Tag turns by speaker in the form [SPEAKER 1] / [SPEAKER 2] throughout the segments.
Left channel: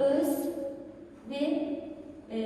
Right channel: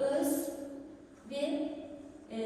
[SPEAKER 1] öz ve e,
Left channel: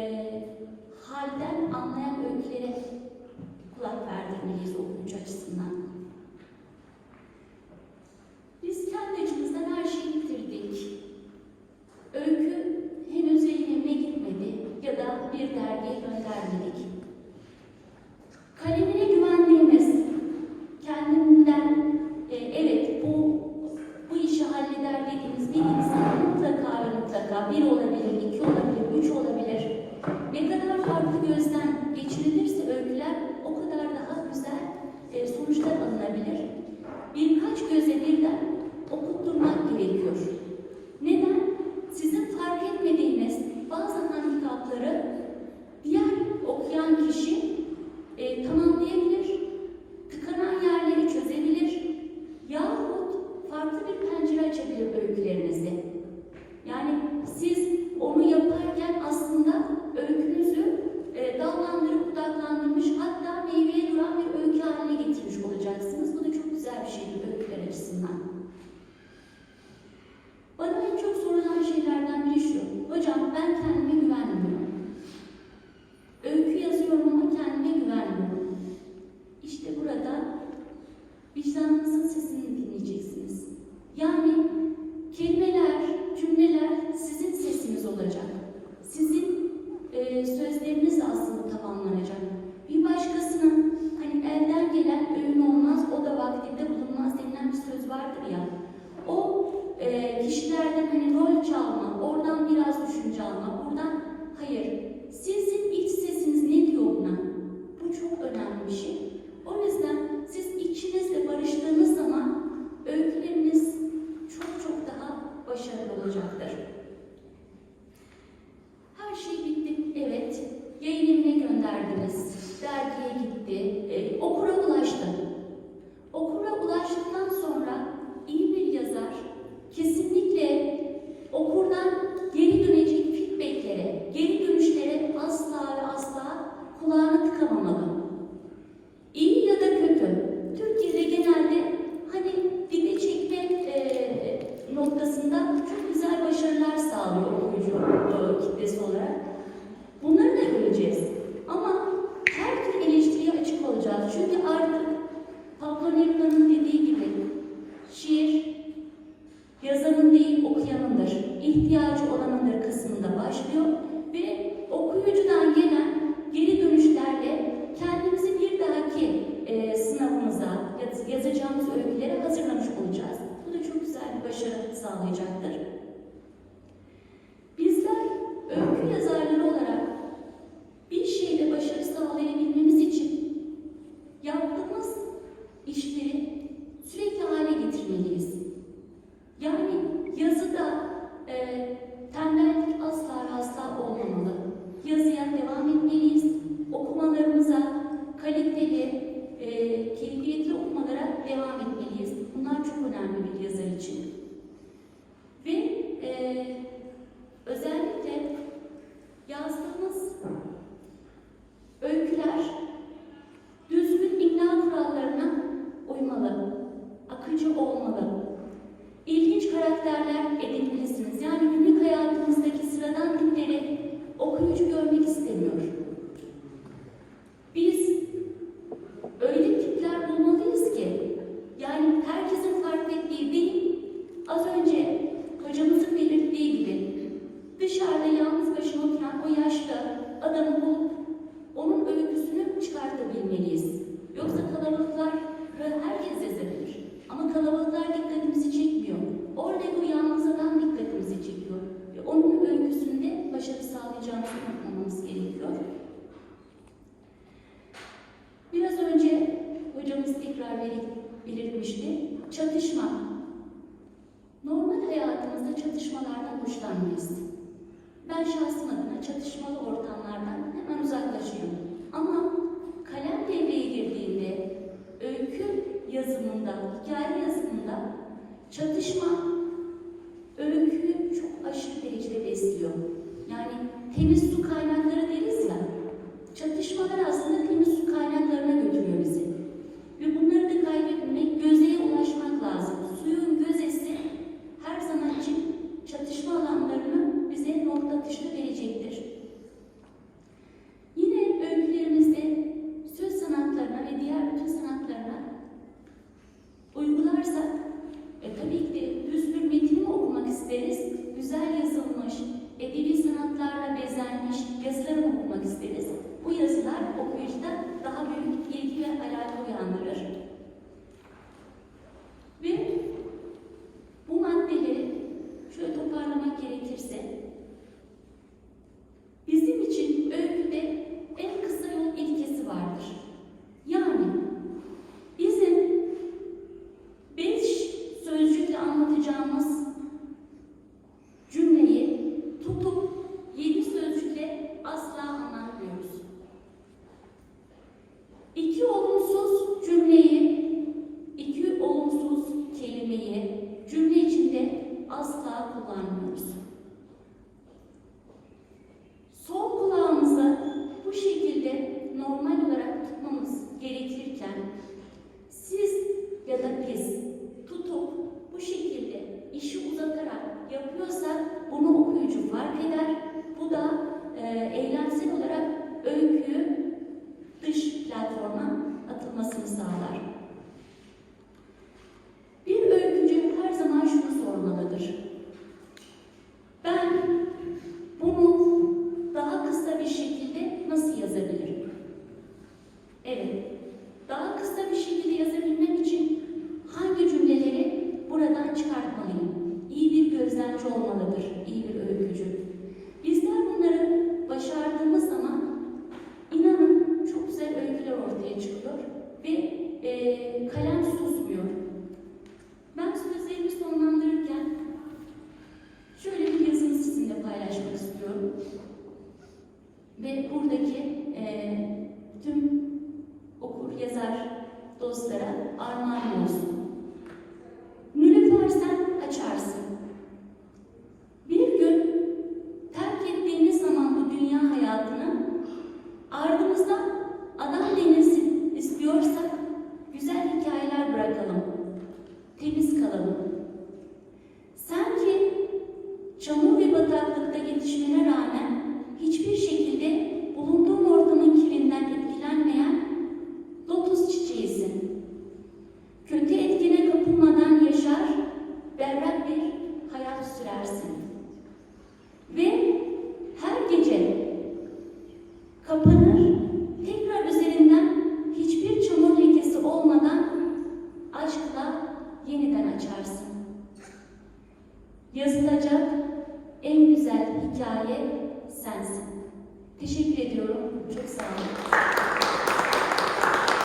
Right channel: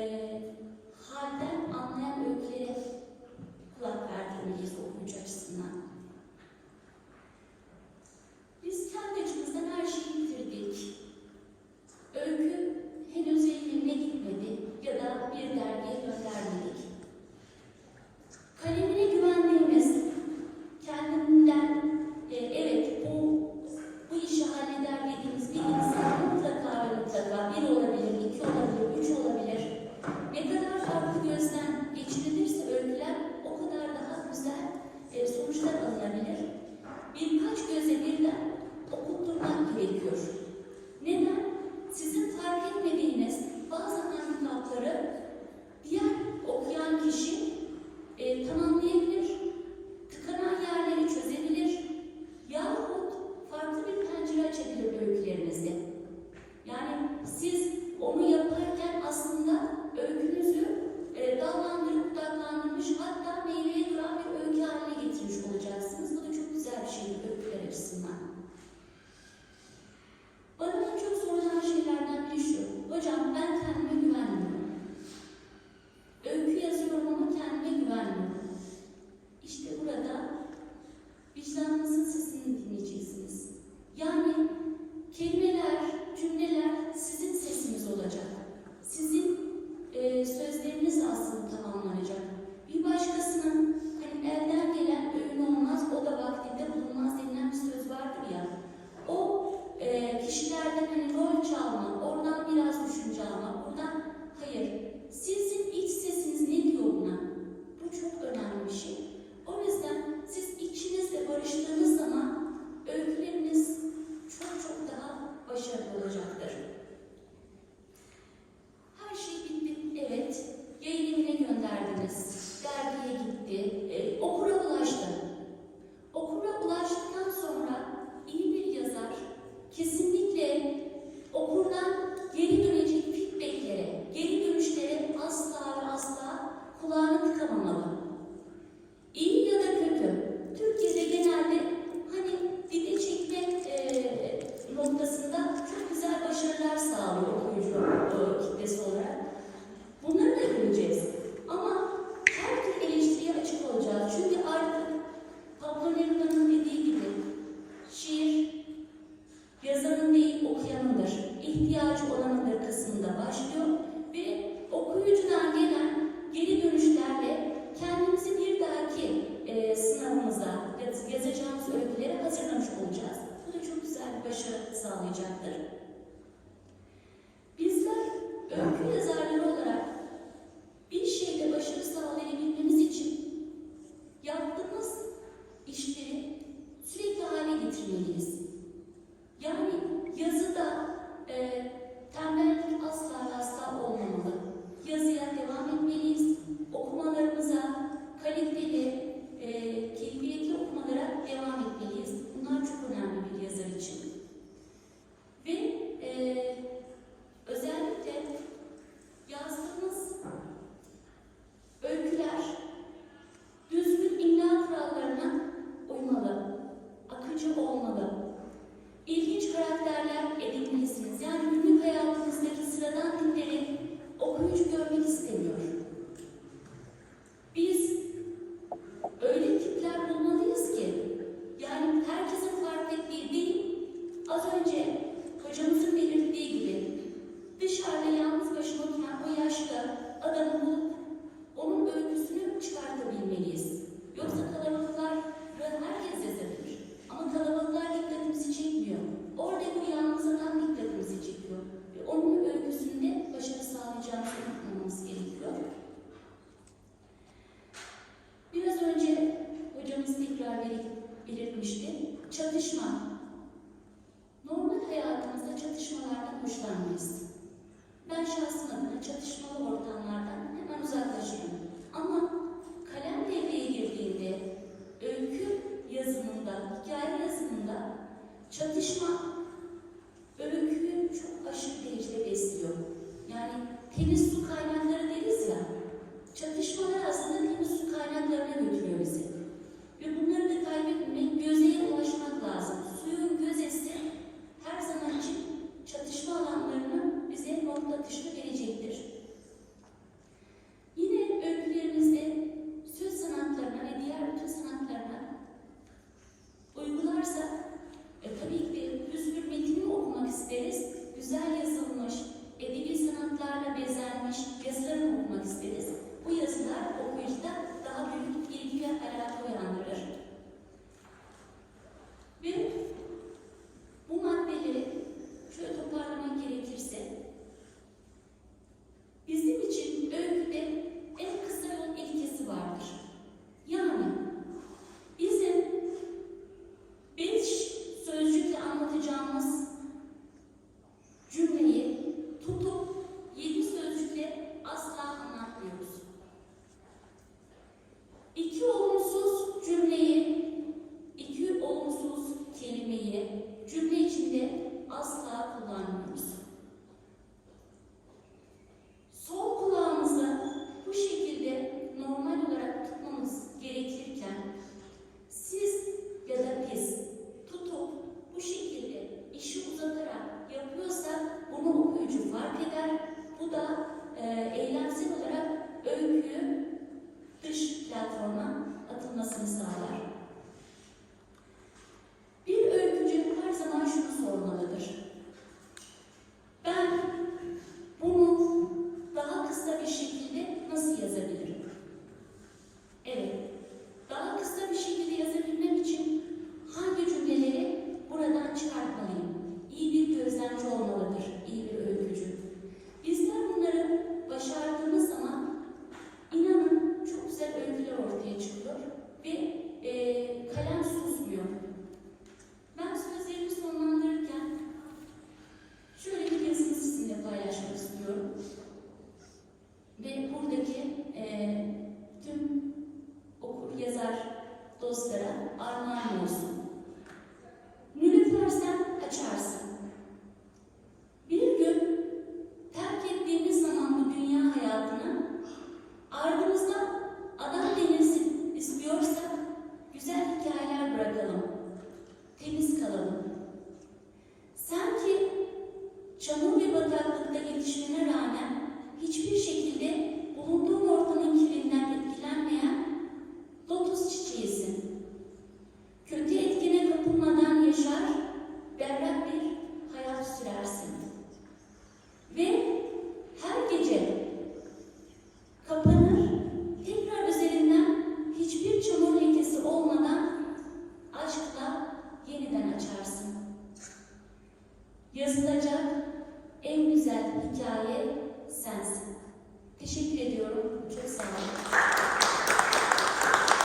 [SPEAKER 1] Henüz su kaynağı